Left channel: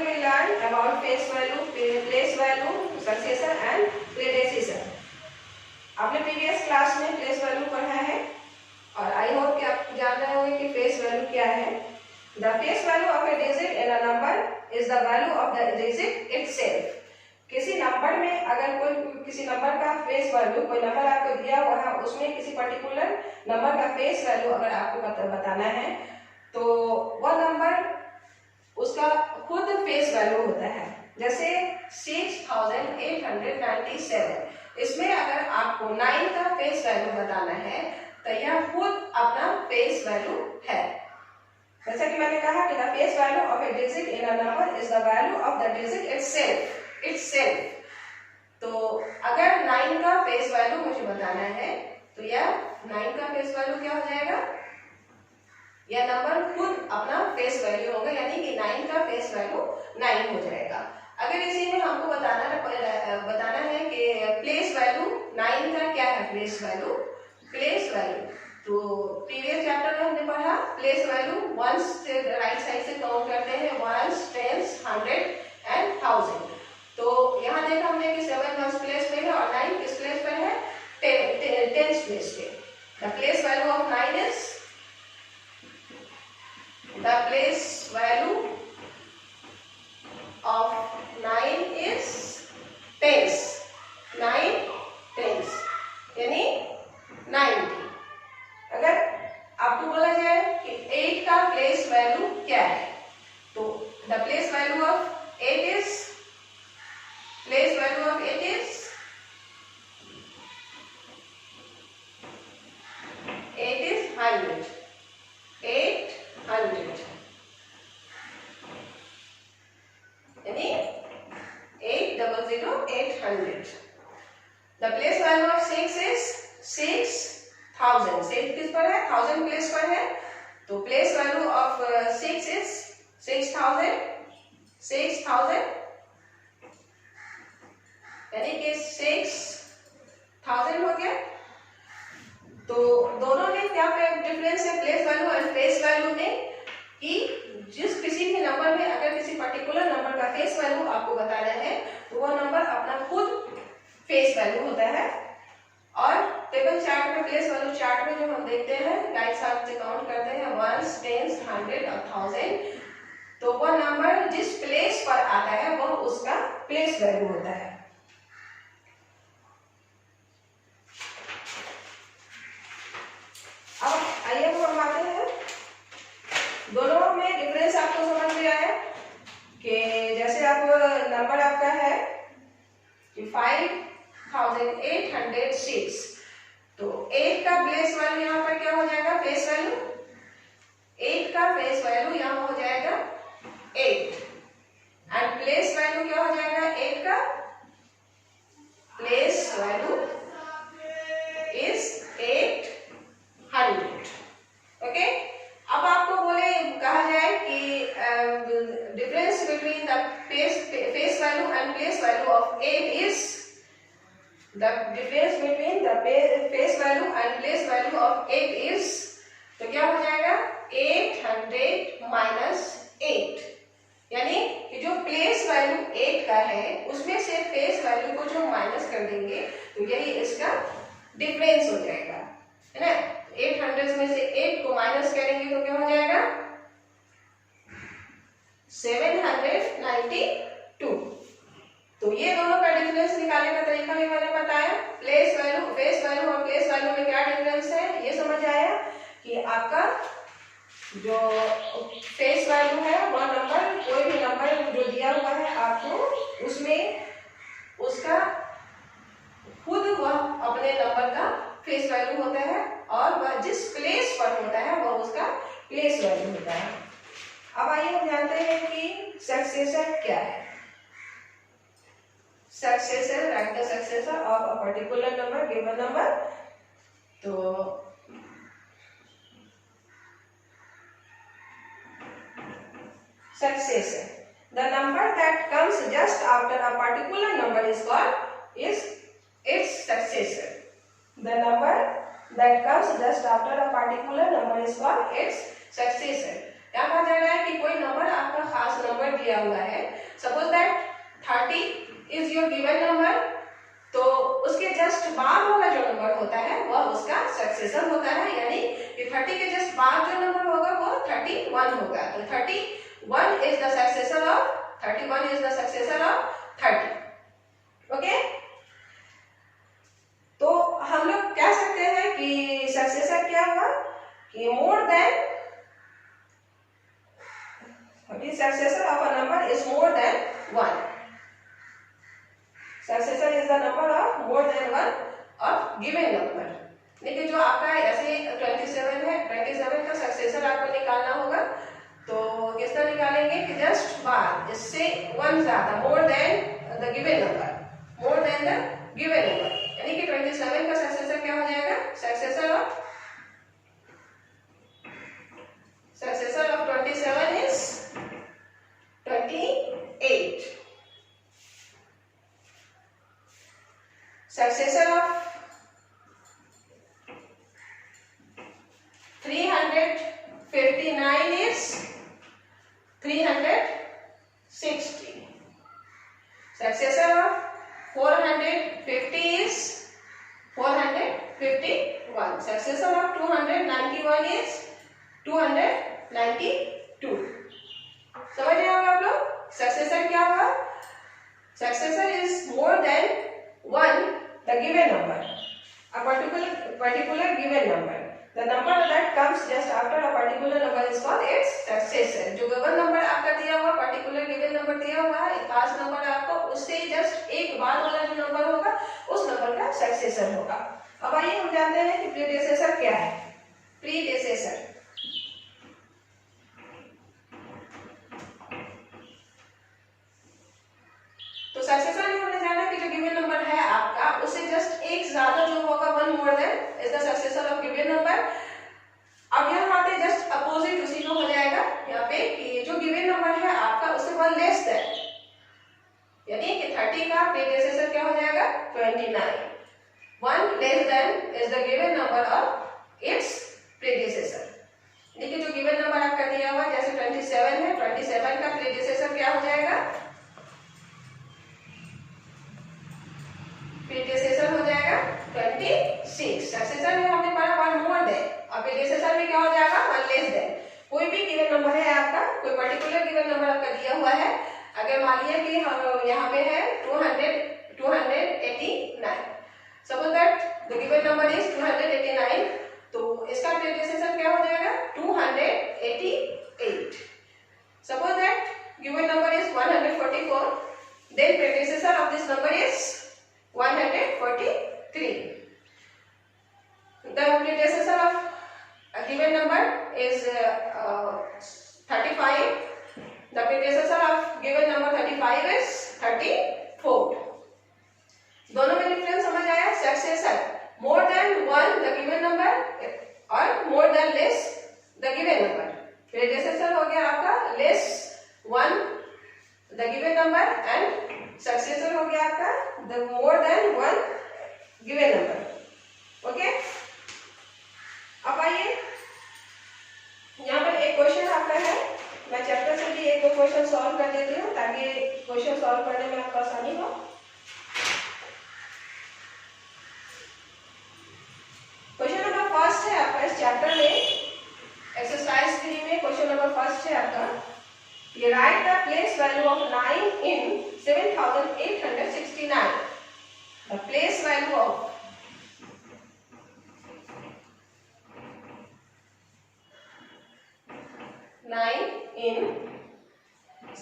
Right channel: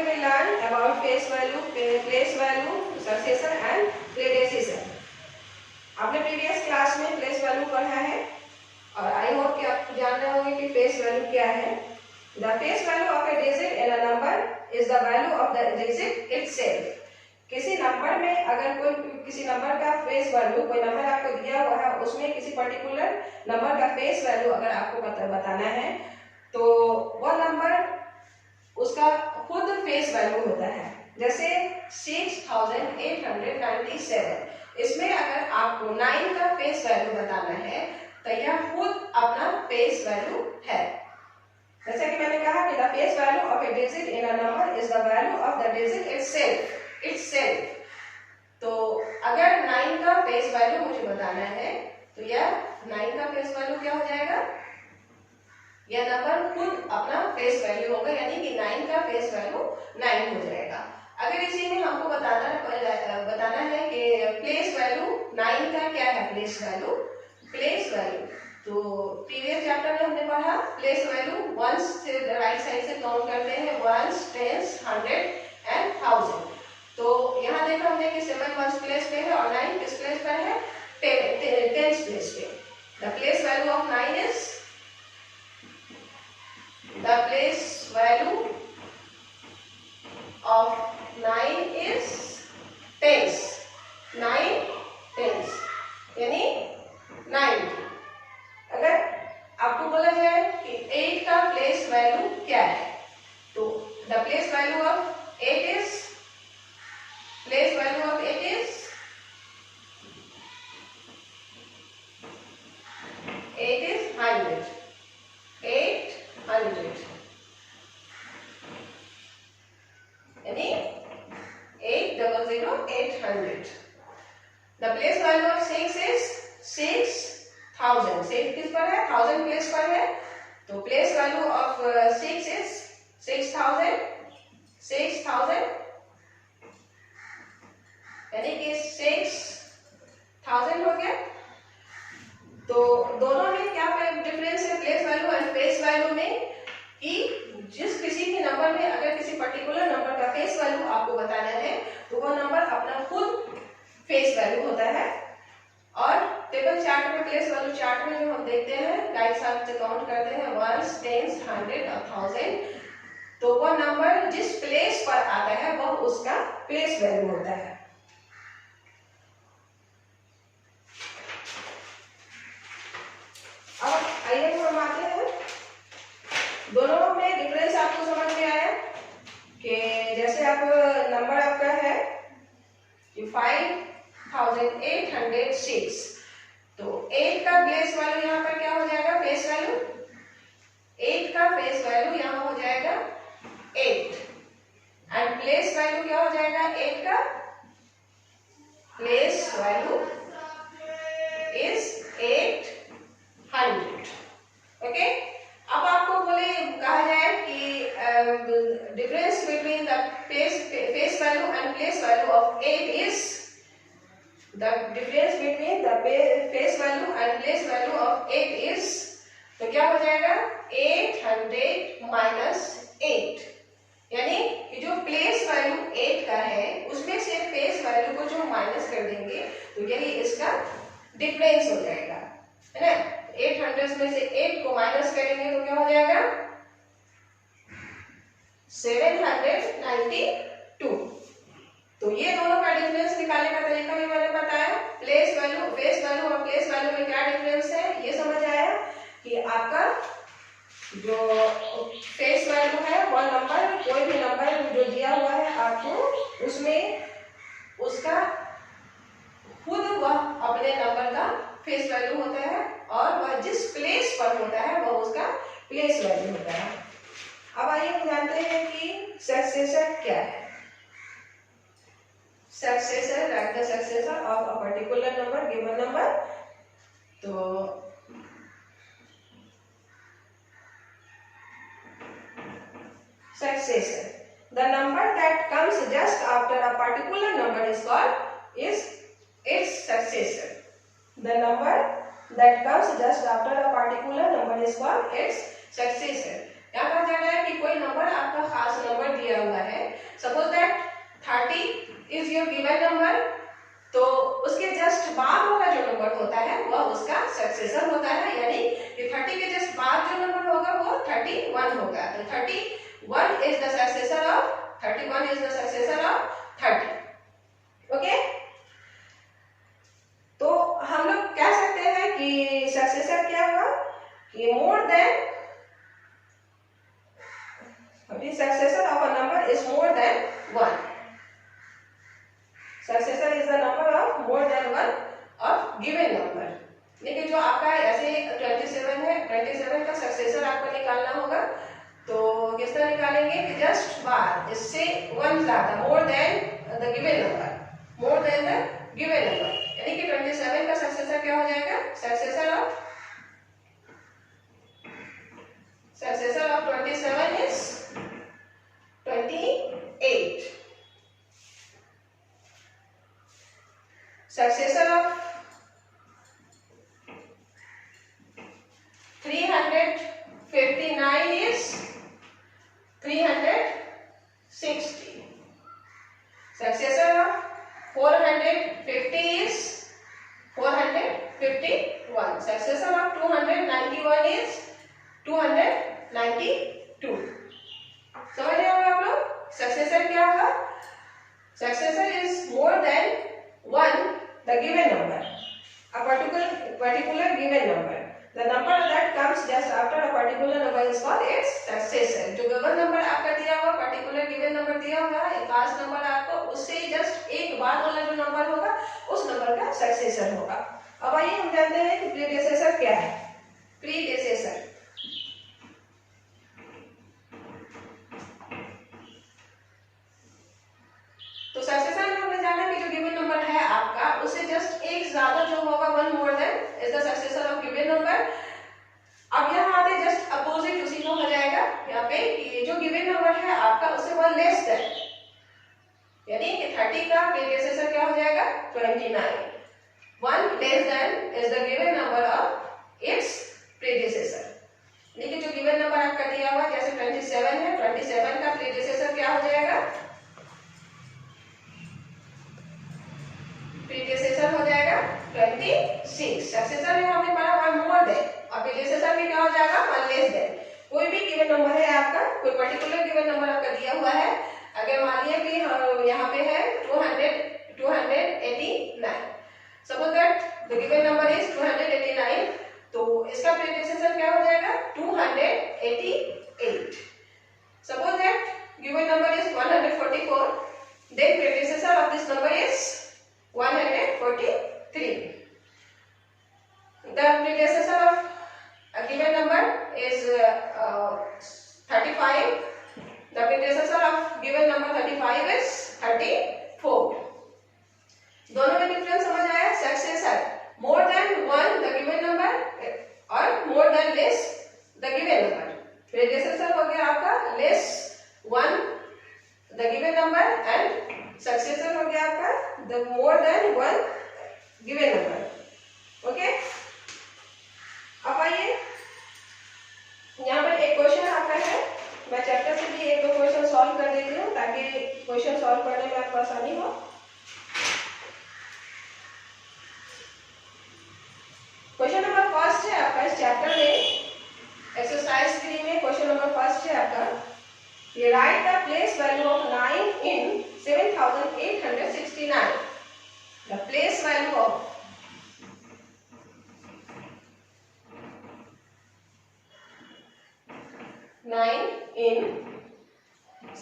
will we learn about face value, place value, successor and predecessor. आपने previous class में place value पढ़ा है और आई होप कि आप जान रहे होंगे कि फेस वैल्यू क्या है। The face value of A digit in a number is the value of the digit itself. किसी नंबर में अगर कोई किसी नंबर का फेस वैल्यू, कोई नंबर आपको दिया हुआ है, उसमें किसी पर्टिकुलर नंबर का फेस वैल्यू अगर आपको बताना है तो वह नंबर उसका खुद फेस वैल्यू होता है। जैसे 6897, इसमें अगर आपको 9 का फेस वैल्यू बताना है तो यह खुद अपना फेस वैल्यू है। जैसा कि मैंने कहा कि the face value of A digit in a number is the value of the digit itself. तो अगर 9 का फेस वैल्यू मुझे बताना है तो यह 9 का फेस वैल्यू क्या हो जाएगा, यह नंबर खुद अपना फेस वैल्यू होगा, यानी कि 9 का फेस वैल्यू 9 हो जाएगा। अगर इसी में हमको बताना है कि प्लेस वैल्यू 9 का क्या है, प्लेस वैल्यू तो प्रीवियस चैप्टर में हमने पढ़ा प्लेस वैल्यू वंस से राइट साइड से काउंट करते हैं, वंस, टेंस, 100 एंड 1000। तो यहाँ देखा हमने कि 7 वंस प्लेस पे है और 9 किस प्लेस पे है, टेंस प्लेस पे। The place value of 9 is the place value of 9 is tens, 9 tens यानी 90। अगर आपको बोला जाए कि 8 का प्लेस वैल्यू क्या है तो the place value of 8 is 100, 800 यानी 800। The place value of 6 is 6000। 6 किस पर है, 1000 प्लेस पर है, तो प्लेस वैल्यू ऑफ 6 इज 6000 यानी कि 6000 हो गया। तो दोनों में क्या डिफरेंस है place value and face value में, कि जिस किसी भी नंबर में अगर किसी पर्टिकुलर नंबर का फेस वैल्यू आपको बताना है तो वह नंबर अपना खुद फेस वैल्यू होता है। और टेबल चार्ट में, प्लेस वैल्यू चार्ट में जो हम देखते हैं राइट साइड से काउंट करते हैं वंस, टेंस, 100 और 1000, तो वह नंबर जिस प्लेस पर आता है वह उसका प्लेस वैल्यू होता है। अब आइए हम आते हैं, दोनों में डिफरेंस आपको समझ में आया कि जैसे आप नंबर आपका है कि 5806, तो 8 का प्लेस वैल्यू यहाँ पर क्या हो जाएगा, फेस वैल्यू 8 का फेस वैल्यू यहाँ हो जाएगा 8 एंड प्लेस वैल्यू क्या हो जाएगा, 8 का प्लेस वैल्यू इज 800। ओके, अब आपको कहा जाए कि difference between the face value and place value of 8 is the difference between the face value and place value of 8 is, तो क्या हो जाएगा 800 माइनस 8, यानी कि जो प्लेस वैल्यू 8 का है उसमें से फेस वैल्यू को जो माइनस कर देंगे तो यही इसका डिफरेंस हो जाएगा, है ना। 800 में से 8 को माइनस करेंगे तो क्या हो जाएगा 792। तो ये दोनों का डिफरेंस निकालने का तरीका भी मैंने बताया। प्लेस वैल्यू, फेस वैल्यू और प्लेस वैल्यू में क्या डिफरेंस है ये समझ आया कि आपका जो फेस वैल्यू है वह नंबर, कोई भी नंबर जो दिया हुआ है आपको उसमें उसका खुद वह अपने नंबर का फेस वैल्यू होता है और वह जिस प्लेस पर होता है वह उसका प्लेस वैल्यू होता है। अब आइए हम जानते हैं कि सक्सेसर क्या है। Successor, right the successor of a particular number, given number. तो successor, the number that comes just after a particular number is its successor. The number that comes just after a particular number is called its successor. यहाँ कहा जा रहा है कि कोई number आपका खास नंबर दिया हुआ है होगा। तो 31 is the successor of 31 is the successor of 30। Okay, तो हम लोग कह सकते हैं कि सक्सेसर क्या हुआ कि मोर देन, अभी successor of a number is more than 1। Successor is the number of more than 1 of given number. देखिए जो आपका ऐसे 27 है, 27 का सक्सेसर आपको निकालना होगा। तो किस तरह निकालेंगे कि जस्ट बार इससे 1 ज्यादा, more than the given number, more than the given number, यानी कि 27 का सक्सेसर क्या हो जाएगा, successor of 27 is 28। Successor of 359 is 360. Successor of 450 is 451. Successor of 291 is 292. समझ रहे हो आप लोग? सक्सेसर क्या हुआ? Successor is more than 1 the given number, a particular given number. The number that comes just after a particular number is called its successor. जो given number आपका दिया हुआ, पर्टिकुलर गिवन नंबर दिया हुआ है, एक खास नंबर आपको, उससे जस्ट एक बाद वाला जो नंबर होगा उस नंबर का सक्सेसर होगा। अब आइए हम जानते हैं कि प्रीडिसेसर क्या है। प्रीडिसेसर तो सक्सेसर में हमने जाना कि जो गिवन नंबर है आपका उससे जस्ट एक ज्यादा जो होगा 1 more than is the successor of given number. अब यहाँ आते जस्ट अपोजिट उसी का हो जाएगा यहाँ पे कि जो गिवन नंबर है आपका उससे 1 लेस देन, यानी कि 30 का प्रीडिसेसर क्या हो जाएगा 29। 1 less than is the given number of its predecessor. यानी कि जो गिवन नंबर आपका दिया हुआ जैसे 27 है, 27 का प्रीडिसेसर क्या हो जाएगा, प्रीडिसेसर हो जाएगा 26। सक्सेसर में हमने पढ़ा 1 मोर देन, और प्रीडिसेसर में क्या हो जाएगा 1 लेस देन। कोई भी गिवन नंबर है आपका, कोई पर्टिकुलर गिवन नंबर आपका दिया हुआ है, अगर मान लिया कि यहाँ पे है 289, suppose that the given number is 289, तो इसका प्रीडिसेसर क्या हो जाएगा 288। Suppose that given number is 144, then predecessor of this number is 143. The predecessor of a given number is 35. The predecessor of given number 35 is 34. दोनों में difference समझ आया? Successor more than 1 the given number और more than less the given number. predecessor हो गया आपका less 1 the given number and successor हो गया आपका the more than 1 given number. Okay, अब आइए यहाँ पर एक क्वेश्चन आपका है, मैं चैप्टर से भी 1-2 क्वेश्चन सॉल्व कर देती हूँ ताकि क्वेश्चन सॉल्व करने में आपको आसानी हो। क्वेश्चन नंबर फर्स्ट है आपका इस चैप्टर में, एक्सरसाइज 3 में क्वेश्चन नंबर फर्स्ट है आपका, ये right the place value of 9 in 7869. The place value of 9 in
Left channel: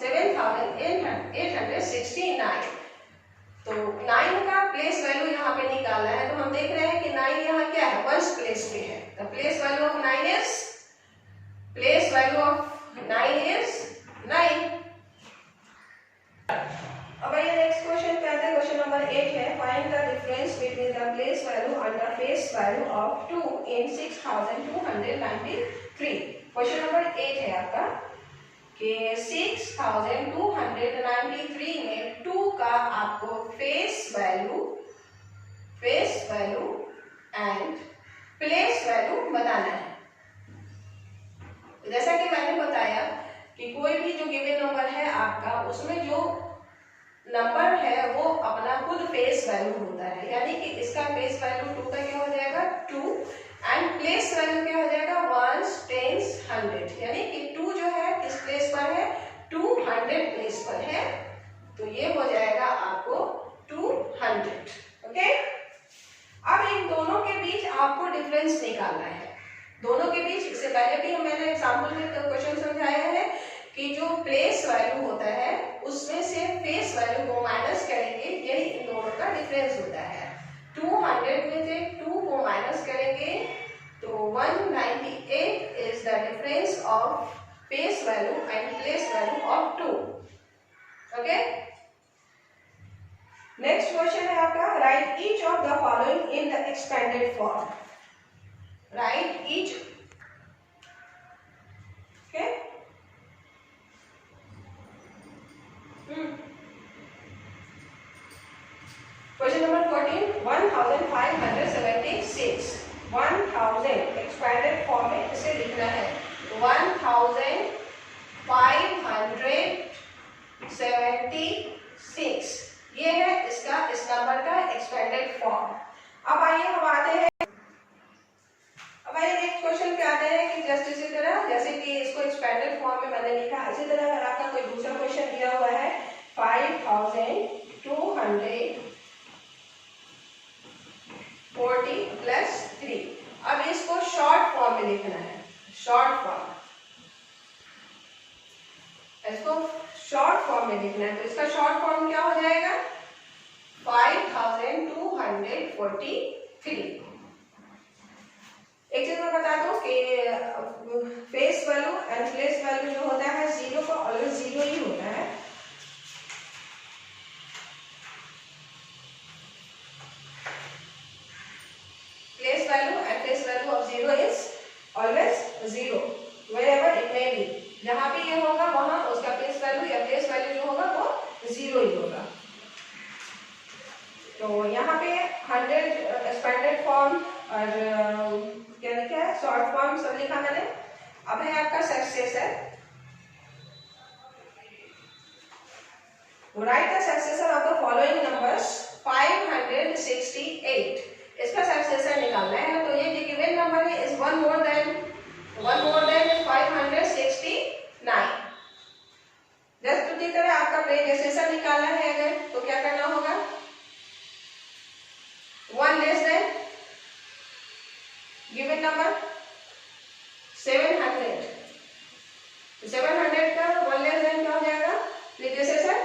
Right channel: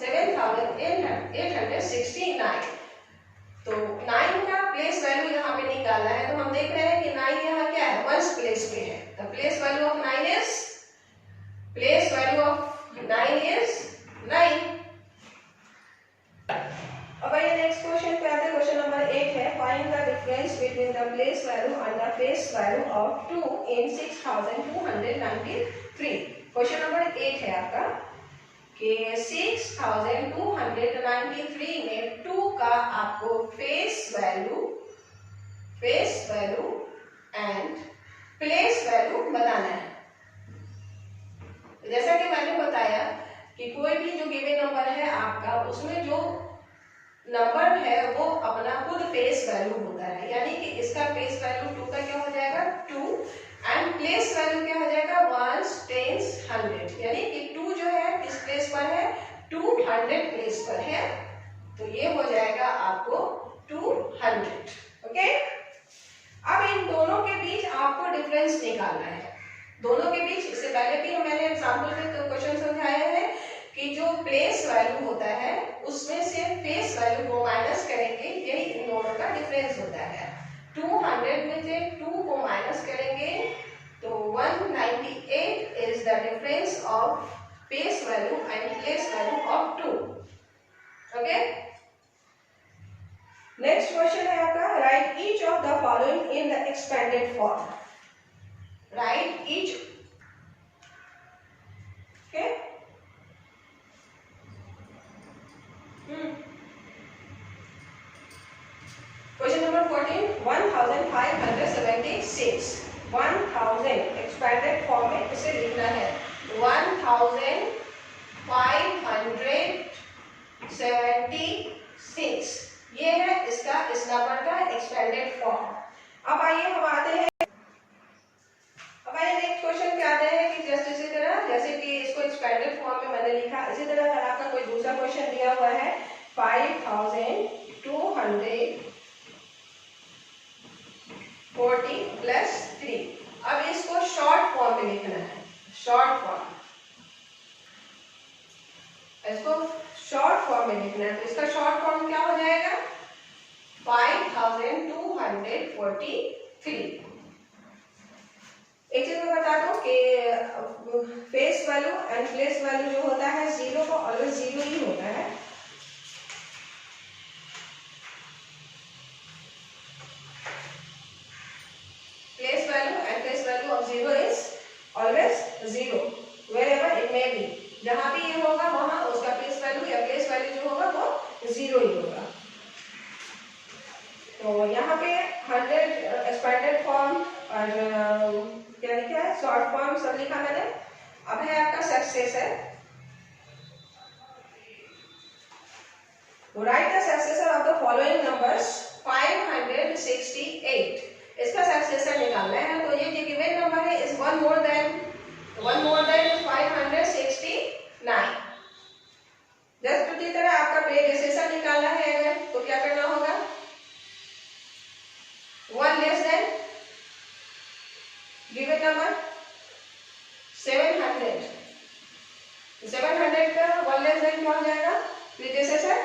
7869. तो 9 का प्लेस वैल्यू यहाँ पे निकालना है, तो हम देख रहे हैं कि 9 यहाँ क्या है, वंस प्लेस पे है। The place value of 9 is 9. अब आइए नेक्स्ट क्वेश्चन पे आते हैं। क्वेश्चन नंबर 8 है, find the difference between the place value and the face value of 2 in 6293। Question number 8 है आपका कि 6293 में 2 का आपको face value and place value बताना है। जैसा कि मैंने बताया कि कोई भी जो गिवन नंबर है आपका उसमें जो नंबर है वो अपना खुद फेस वैल्यू होता है, यानी कि इसका फेस वैल्यू 2 का क्या हो जाएगा 2 एंड प्लेस वैल्यू क्या हो जाएगा 1 10 100, यानी कि 2 2 जो है किस प्लेस पर है, 200 प्लेस पर है, तो ये हो जाएगा आपको 200। ओके, अब इन दोनों के बीच आपको डिफरेंस निकालना है। दोनों के बीच, इससे पहले भी मैंने एग्जांपल में क्वेश्चन समझाया है कि जो प्लेस वैल्यू होता है उसमें से फेस वैल्यू को माइनस करेंगे, यही इन दोनों का डिफरेंस होता है। 200 में से 2 को माइनस करेंगे तो 198 is the difference of face value and place value of 2। Okay, next question है आपका, right each of the following in the expanded form. Right each, okay, question number 14, 1576, 1000 expanded form में इसे लिखना है 1576, ये है इसका इस नंबर का एक्सपेंडेड फॉर्म। अब आइए हम आते हैं, अब आइए नेक्स्ट क्वेश्चन पे आते हैं कि जस्ट इसी तरह जैसे कि इसको एक्सपेंडेड फॉर्म में मैंने लिखा, इसी तरह अगर आपका कोई दूसरा क्वेश्चन दिया हुआ है 5240 प्लस 3, अब इसको शॉर्ट फॉर्म में लिखना है, शॉर्ट फॉर्म, इसको शॉर्ट फॉर्म में लिखना है, तो इसका शॉर्ट फॉर्म क्या हो जाएगा 5243। एक चीज मैं बता दूं कि face value and place value जो होता है जीरो का ऑलवेज जीरो ही होता है। Place value and face value of zero is always zero wherever it may be, जहां भी ये होगा वहां उसका फेस वैल्यू या प्लेस वैल्यू जो होगा वो जीरो ही होगा। तो यहाँ पे 100 एक्सपेंडेड फॉर्म और क्या लिखा है शॉर्ट फॉर्म सब लिखा मैंने। अब है आपका successor, right the successor of the following numbers 568, इसका सक्सेसर निकालना है, तो ये जो गिवन नंबर है is one more than 569। Just उसी तरह आपका प्रेडिसेसर निकालना है अगर, तो क्या करना होगा 1 लेस देन गिवन नंबर 700, 700 का 1 लेस देन क्या हो जाएगा प्रेडिसेसर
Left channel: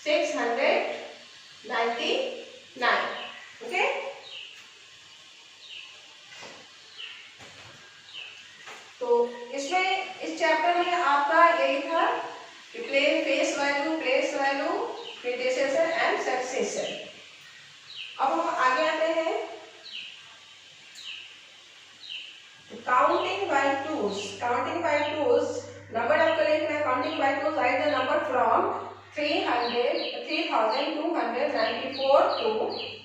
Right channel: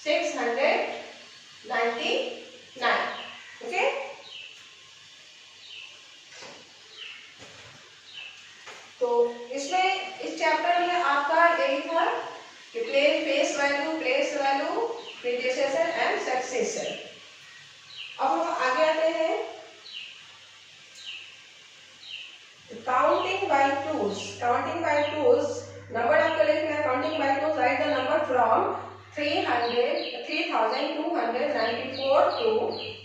699। ओके, तो इसमें इस चैप्टर में आपका यही था कि face value, place value, predecessor and successor. अब हम आगे आते हैं counting by twos. Counting by twos number आपको लिखना है, counting by twos write the number from 3294 to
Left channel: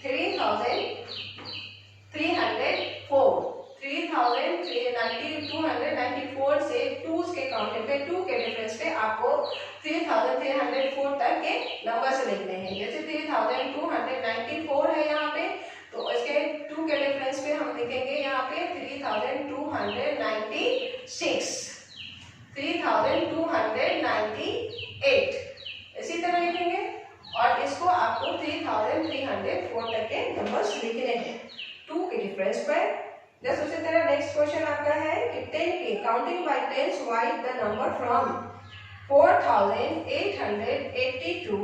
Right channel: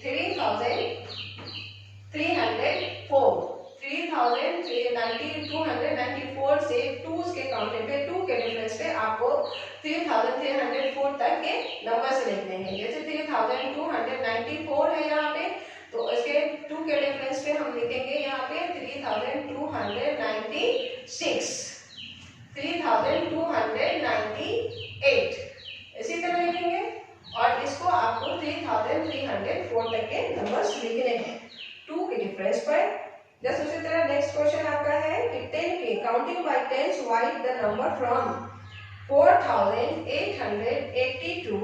3304। 294 से टूज के काउंटिंग पे, टू के डिफरेंस पे आपको 3304 तक के नंबर्स लिखने हैं। जैसे 3294 है यहाँ पे, तो इसके टू के डिफरेंस पे हम लिखेंगे यहाँ पे 3296, 3298, इसी तरह लिखेंगे और इसको आपको 3304 तक के नंबर्स लिखने हैं टू के डिफरेंस पर। जस्ट उसी तरह नेक्स्ट क्वेश्चन आपका है कि 10 के counting by tens write the number from 4880 to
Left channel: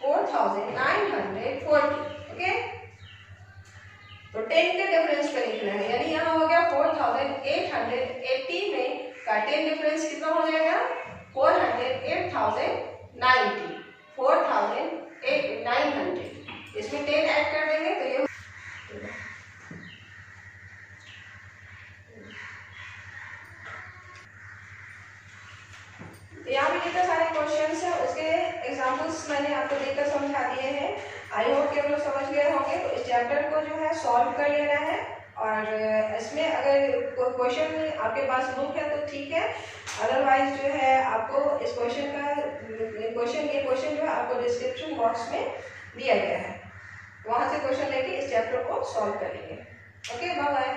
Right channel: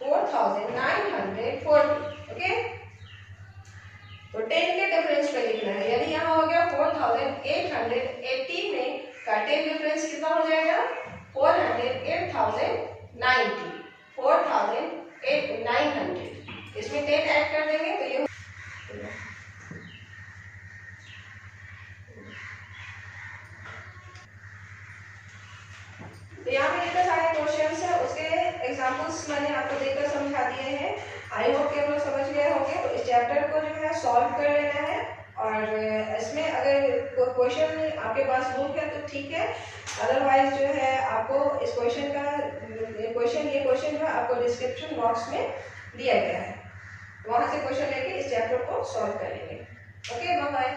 4940। Okay, तो 10 के डिफरेंस पे लिखना है, यानी यहाँ हो गया 4880 में का 10 डिफरेंस कितना हो जाएगा 408,090, 4900। इसमें 10 ऐड कर देंगे तो ये तो यहाँ पे जितने सारे क्वेश्चंस है उसके एग्जांपल्स मैंने आपको देकर समझा दिए हैं। आई होप कि आप लोग समझ गए होंगे। तो इस चैप्टर को जो है सॉल्व कर लेना है और इसमें अगर कोई क्वेश्चन आपके पास बुक है तो ठीक है, अदरवाइज जो है आपको इस क्वेश्चन ये क्वेश्चन जो है आपको डिस्क्रिप्शन बॉक्स में दिया गया है, वहां से क्वेश्चन लेके इस चैप्टर को सॉल्व कर लेंगे। Okay, bye bye.